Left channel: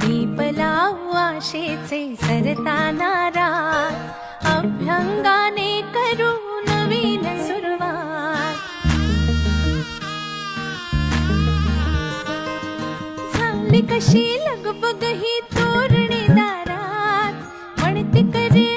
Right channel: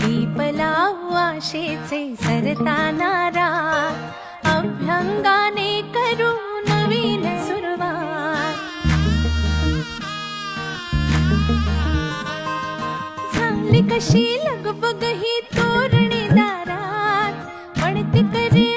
दीप लावू आशेचे सरताना रात, अभ्यंगाने करू नवीन सुरुवात. झाली कशी लगबग ही तोरणी दारात, म्हणते करे